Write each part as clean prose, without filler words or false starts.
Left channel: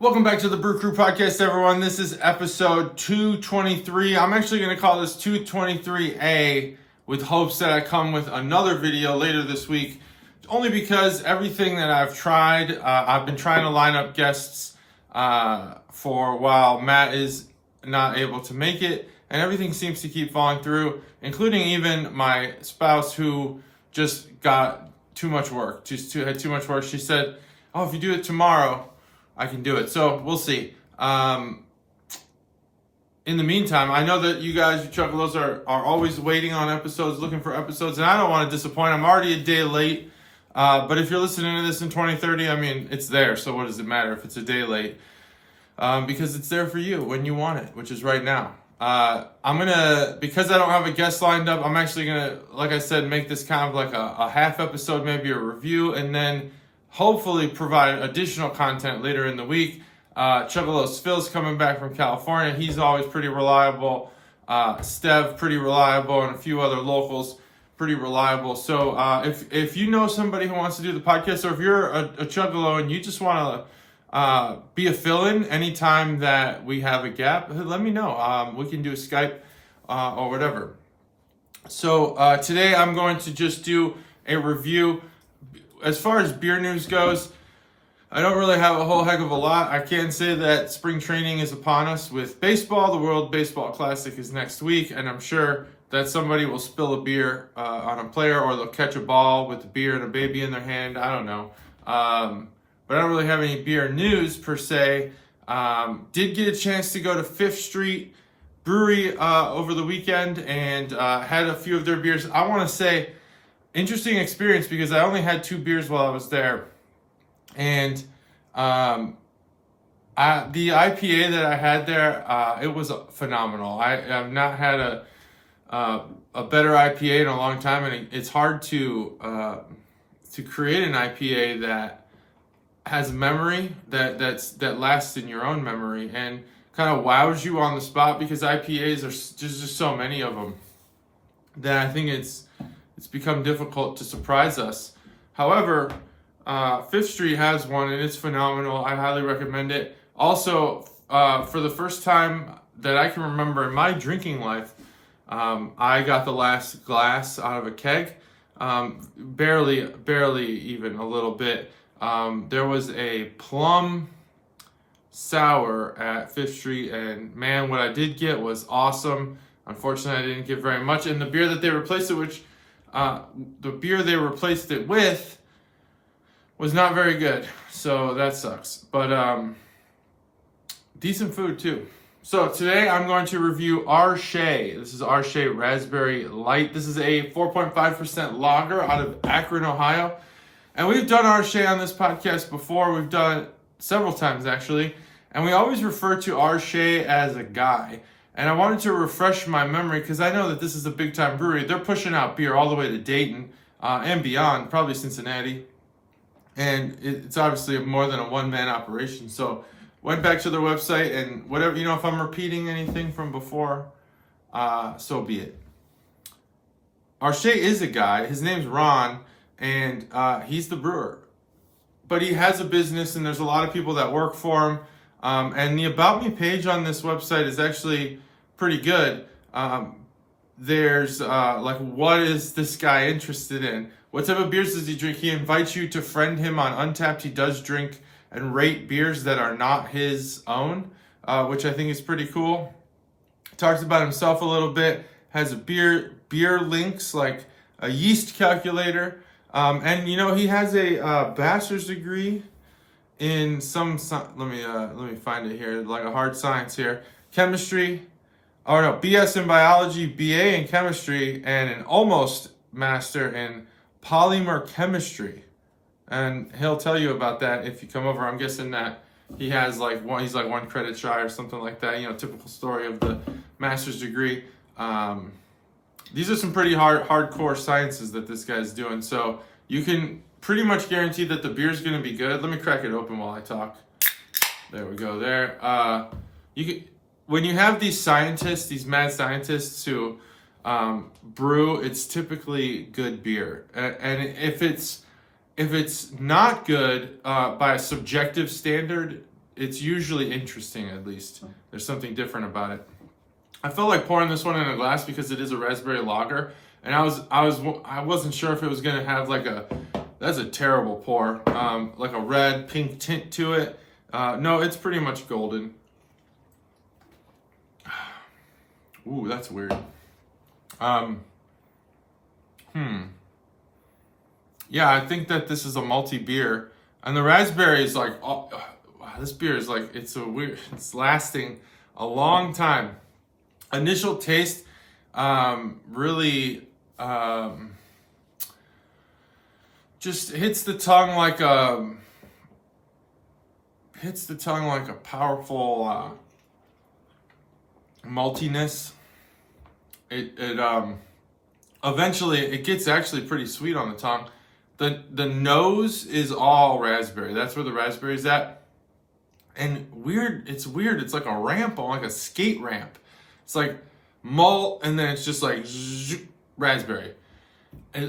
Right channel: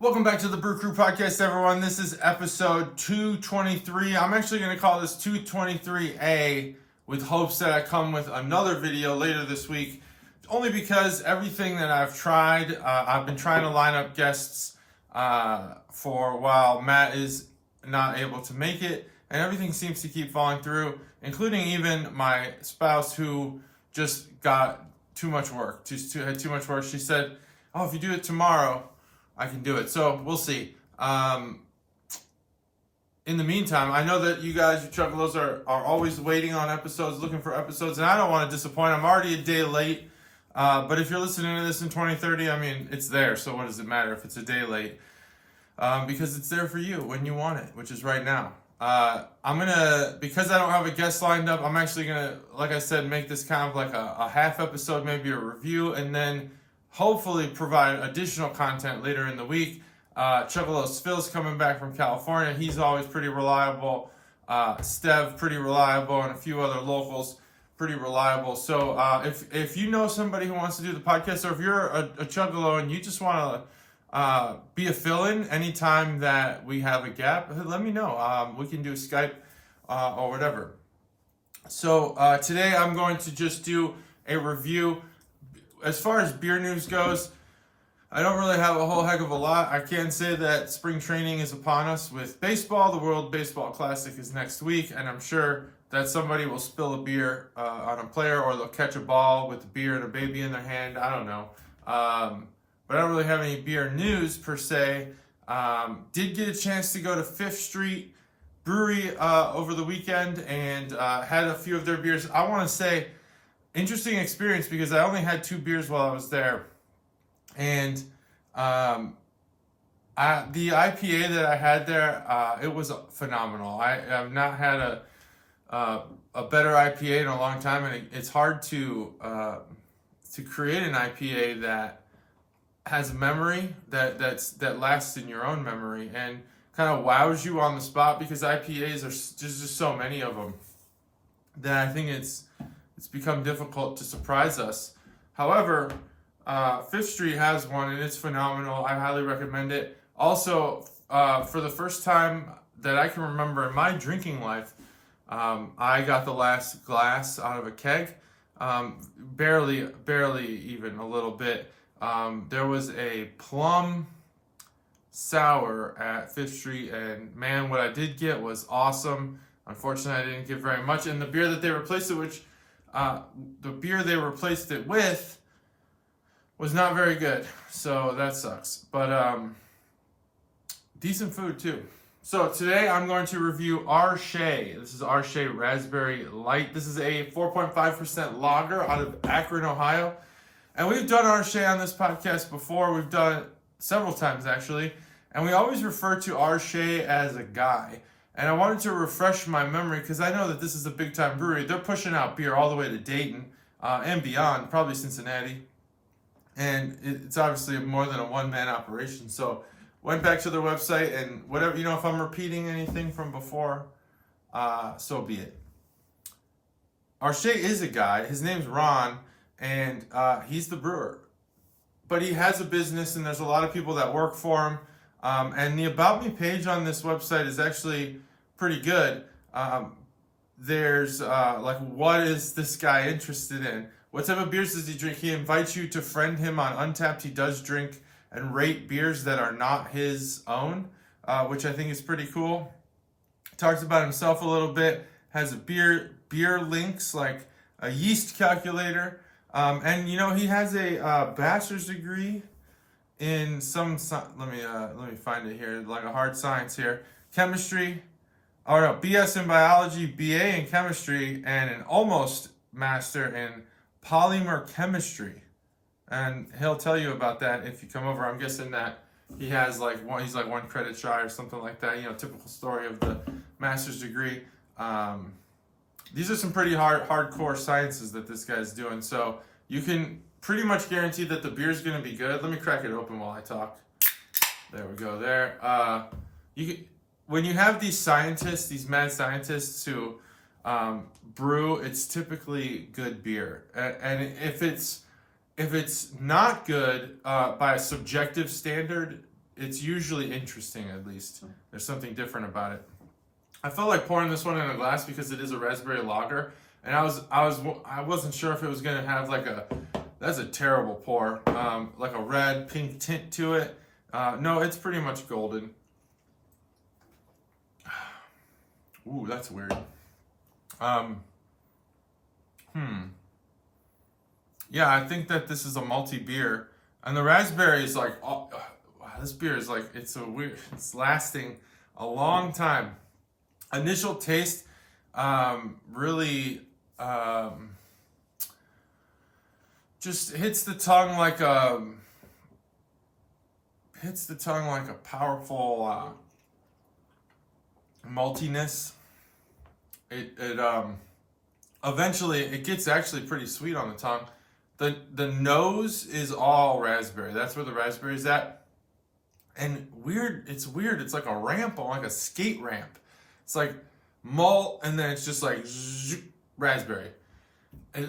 Welcome back to the Brew Crew podcast, everyone. This is episode 223. I'm actually going to call this 223A with hopes that I come with another video later this week, only because everything that I've tried, I've been trying to line up guests for a while. Matt is not able to make it, and everything seems to keep falling through, including even my spouse who just got too much work. Had too much work. She said, "Oh, if you do it tomorrow, I can do it." So we'll see. In the meantime, I know that you guys, you Chuggalos, are always waiting on episodes, looking for episodes, and I don't want to disappoint. I'm already a day late. But if you're listening to this in 2030, I mean, it's there. So what does it matter if it's a day late? Because it's there for you when you want it, which is right now. Because I don't have a guest lined up, I'm actually gonna, like I said, make this kind of like a half episode, maybe a review, and then hopefully provide additional content later in the week. Chuggalos Phil's coming back from California. He's always pretty reliable. Stev, pretty reliable, and a few other locals, pretty reliable. So if you know somebody who wants to do the podcast, or if you're a Chuggalo and you just want to be a fill-in anytime that we have a gap, let me know. We can do a Skype or whatever. So today I'm going to just do a review. As far as beer news goes, I don't really have a whole heck of a lot. I can say that spring training is upon us with baseball. The World Baseball Classic is next week, and I'm sure that somebody will spill a beer on a player, or they'll catch a ball with a beer and a baby in their hand. I don't know. But I don't really have any beer news per se. Did get a chance to go to Fifth Street Brewery over the weekend and had a few of their beers. I want to say, interesting experience because I only had 2 beers while I was there, and the IPA that I had there, it was phenomenal. I have not had a better IPA in a long time, and it's hard to create an IPA that has memory that lasts in your own memory and kind of wows you on the spot, because IPAs there's just so many of them that I think it's become difficult to surprise us. However, Fifth Street has one, and it's phenomenal. I highly recommend it. Also, for the first time that I can remember in my drinking life, I got the last glass out of a keg. Barely even a little bit. There was a plum sour at Fifth Street, and man, what I did get was awesome. Unfortunately, I didn't get very much, and the beer that they replaced it with, was not very good, so that sucks. But decent food too. So today I'm going to review Arche. This is Arche Raspberry Light. This is a 4.5% lager out of Akron, Ohio. And we've done Arche on this podcast before. We've done it several times actually, and we always refer to Arche as a guy. And I wanted to refresh my memory because I know that this is a big time brewery. They're pushing out beer all the way to Dayton and beyond, probably Cincinnati. And it's obviously more than a one-man operation. So went back to their website, and whatever, if I'm repeating anything from before, so be it. Arche is a guy. His name's Ron, and he's the brewer. But he has a business, and there's a lot of people that work for him. And the About Me page on this website is actually pretty good. There's what is this guy interested in? What type of beers does he drink? He invites you to friend him on Untapped. He does drink and rate beers that are not his own, which I think is pretty cool. Talks about himself a little bit. Has a beer links, like a yeast calculator. And he has a bachelor's degree in let me find it here, like a hard science here. Chemistry. Oh no, BS in biology, BA in chemistry, and an almost master in polymer chemistry. And he'll tell you about that if you come over. I'm guessing that he's like 1 credit shy or something like that. Typical story of the master's degree. These are some pretty hardcore sciences that this guy's doing. So you can pretty much guarantee that the beer's going to be good. Let me crack it open while I talk. There we go. There. When you have these scientists, these mad scientists who brew, it's typically good beer. And if it's not good by a subjective standard, it's usually interesting. At least there's something different about it. I felt like pouring this one in a glass because it is a raspberry lager, and I wasn't sure if it was gonna have like that's a terrible pour, like a red pink tint to it. No, it's pretty much golden. Ooh, that's weird. Yeah, I think that this is a malty beer, and the raspberry is like, oh, wow, this beer is like, it's lasting a long time. Initial taste, really, just hits the tongue like a powerful maltiness. It eventually it gets actually pretty sweet on the tongue. The nose is all raspberry. That's where the raspberry's at. And it's weird. It's like a ramp, like a skate ramp. It's like malt, and then it's just like raspberry.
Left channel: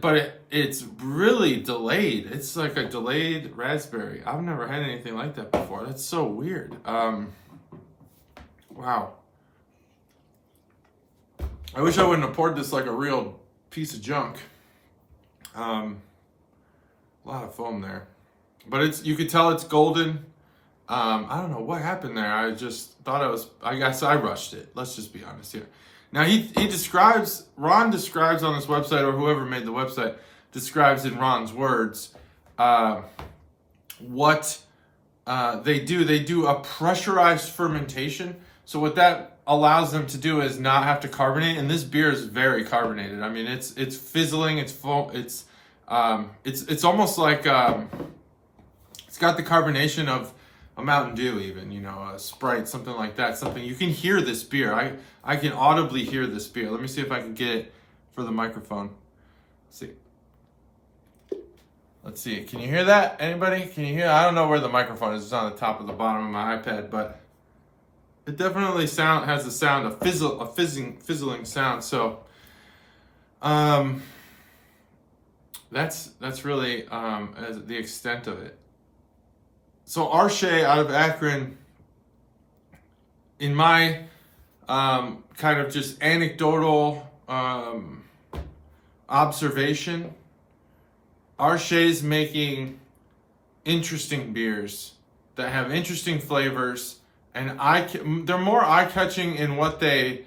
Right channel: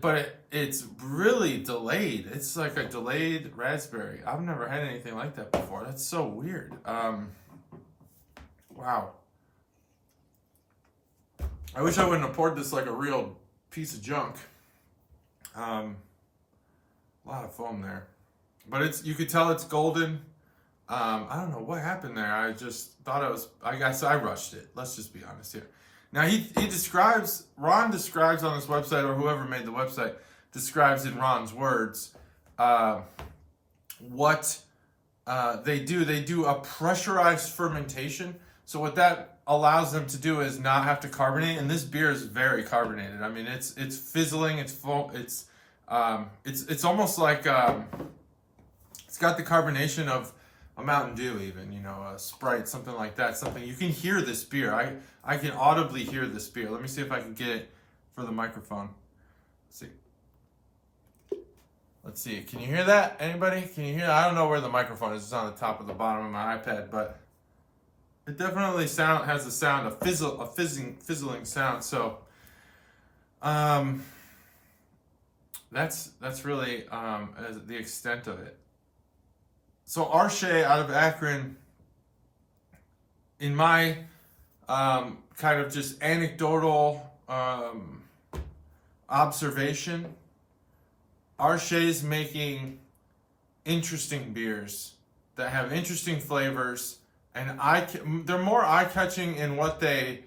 But it's really delayed. It's like a delayed raspberry. I've never had anything like that before. That's so weird. Wow. I wish I wouldn't have poured this like a real piece of junk. A lot of foam there, but you could tell it's golden. I don't know what happened there. I just thought I guess I rushed it. Let's just be honest here. Now Ron describes on this website, or whoever made the website describes in Ron's words, what they do. They do a pressurized fermentation. So what that allows them to do is not have to carbonate, and this beer is very carbonated. I mean, it's fizzling, it's full, it's almost like it's got the carbonation of a Mountain Dew, even, a Sprite, something like that. Something you can hear this beer. I can audibly hear this beer. Let me see if I can get it for the microphone. Let's see. Can you hear that? Anybody? Can you hear? I don't know where the microphone is. It's on the top of the bottom of my iPad, but it definitely has the sound of fizzling sound. So, that's really the extent of it. So Arshay out of Akron, in my kind of just anecdotal observation, Arshay's making interesting beers that have interesting flavors, and they're more eye-catching in what they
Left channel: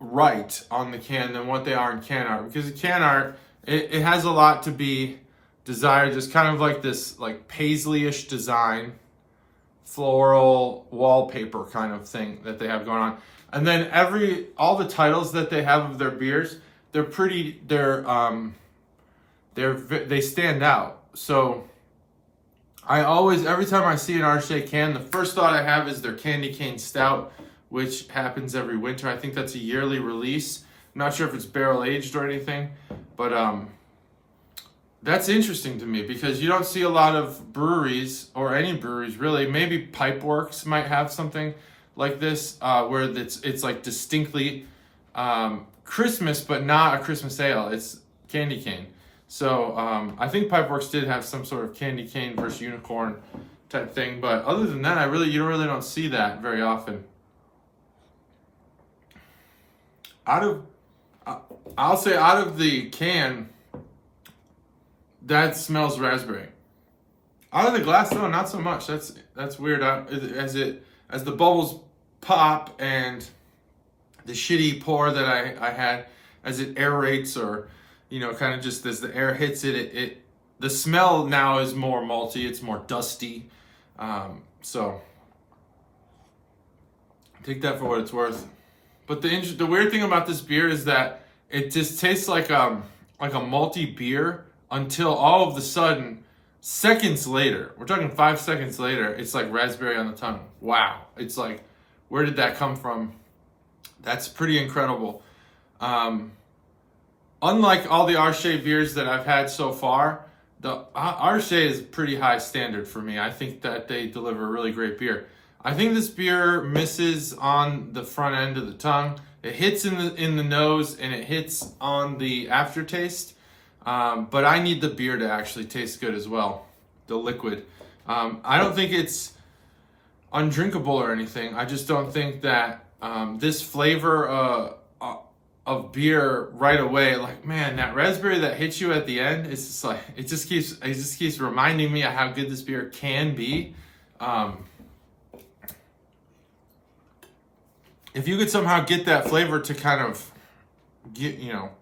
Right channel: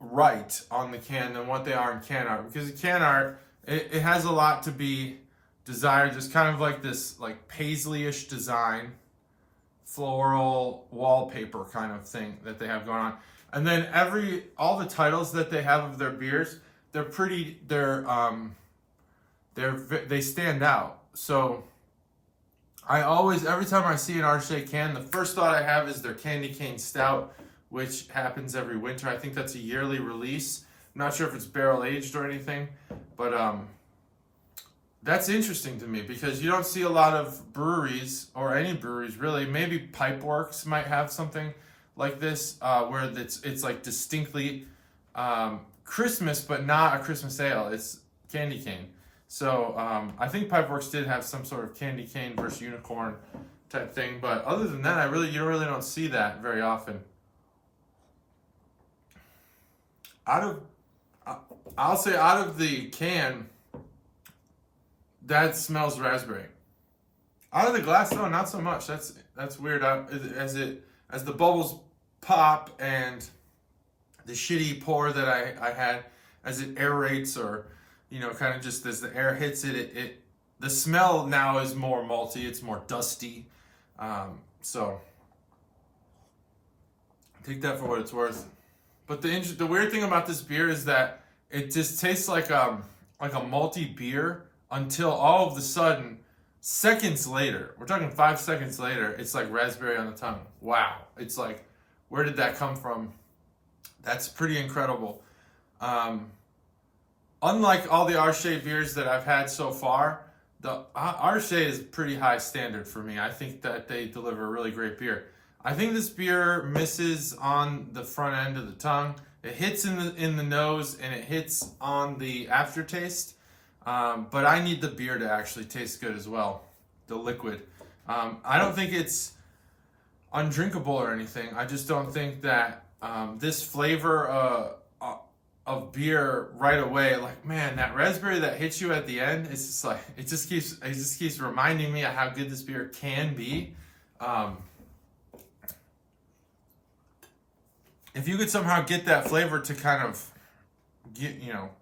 write on the can than what they are in can art, because the can art, it has a lot to be desired, just kind of like this like paisley-ish design, floral wallpaper kind of thing that they have going on. And then all the titles that they have of their beers, they stand out. So every time I see an Arshay can, the first thought I have is their Candy Cane Stout, which happens every winter. I think that's a yearly release. I'm not sure if it's barrel aged or anything, but that's interesting to me because you don't see a lot of breweries, or any breweries really. Maybe Pipeworks might have something like this, where it's like distinctly Christmas, but not a Christmas ale. It's candy cane. So I think Pipeworks did have some sort of candy cane versus unicorn type thing, but other than that, you really don't see that very often. I'll say out of the can, that smells raspberry. Out of the glass, though, not so much. That's weird. As the bubbles pop and the shitty pour that I had, as it aerates, or kind of just as the air hits it, the smell now is more malty. It's more dusty. So take that for what it's worth. But the weird thing about this beer is that it just tastes like a malty beer until all of a sudden, seconds later, we're talking 5 seconds later, it's like raspberry on the tongue. Wow. It's like, where did that come from? That's pretty incredible. Unlike all the Arshay beers that I've had so far, the Arshay is pretty high standard for me. I think that they deliver a really great beer. I think this beer misses on the front end of the tongue. It hits in the nose, and it hits on the aftertaste. But I need the beer to actually taste good as well, the liquid. I don't think it's undrinkable or anything. I just don't think that this flavor of beer right away, like, man, that raspberry that hits you at the end, it's just like it just keeps reminding me of how good this beer can be. If you could somehow get that flavor to kind of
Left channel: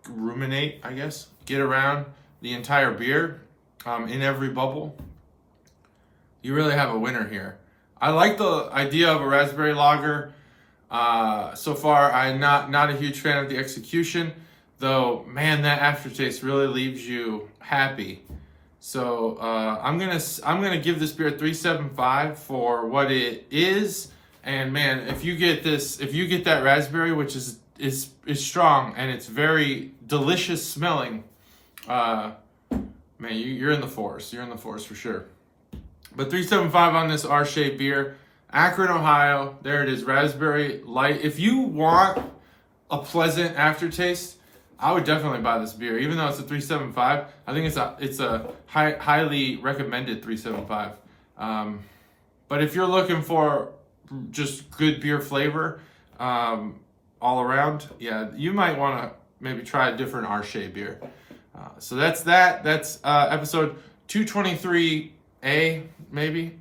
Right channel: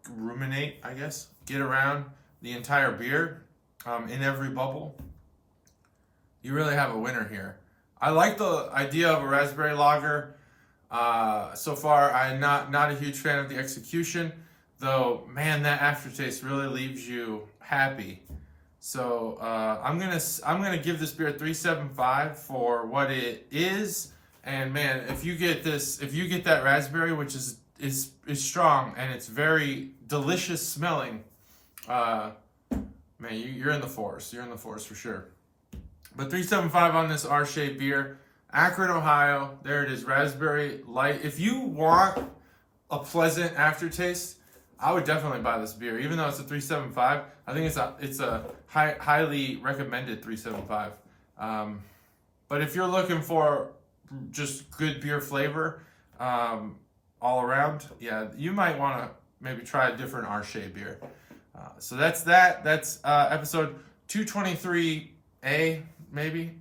ruminate, I guess, get around the entire beer in every bubble, you really have a winner here. I like the idea of a raspberry lager. So far, I'm not a huge fan of the execution, though. Man, that aftertaste really leaves you happy. So I'm gonna give this beer 3.75 for what it is. And man, if you get that raspberry, which is strong and it's very delicious smelling, man, you're in the forest. You're in the forest for sure. But 3.75 on this R-shaped beer. Akron, Ohio. There it is, raspberry light. If you want a pleasant aftertaste, I would definitely buy this beer. Even though it's a 3.75, I think it's a highly recommended 3.75. But if you're looking for just good beer flavor all around, yeah, you might want to maybe try a different R-shaped beer. So that's that. That's episode 223A, maybe.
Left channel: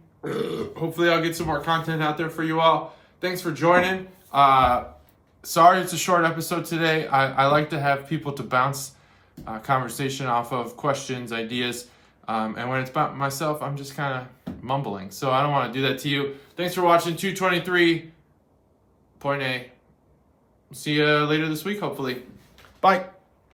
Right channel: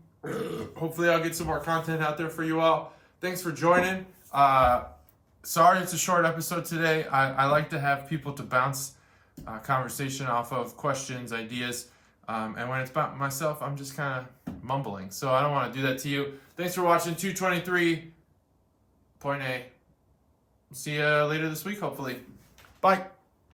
Hopefully I'll get some more content out there for you all. Thanks for joining. Sorry it's a short episode today. I like to have people to bounce conversation off of, questions, ideas. And when it's about myself, I'm just kind of mumbling. So I don't want to do that to you. Thanks for watching 223.A. See you later this week, hopefully. Bye.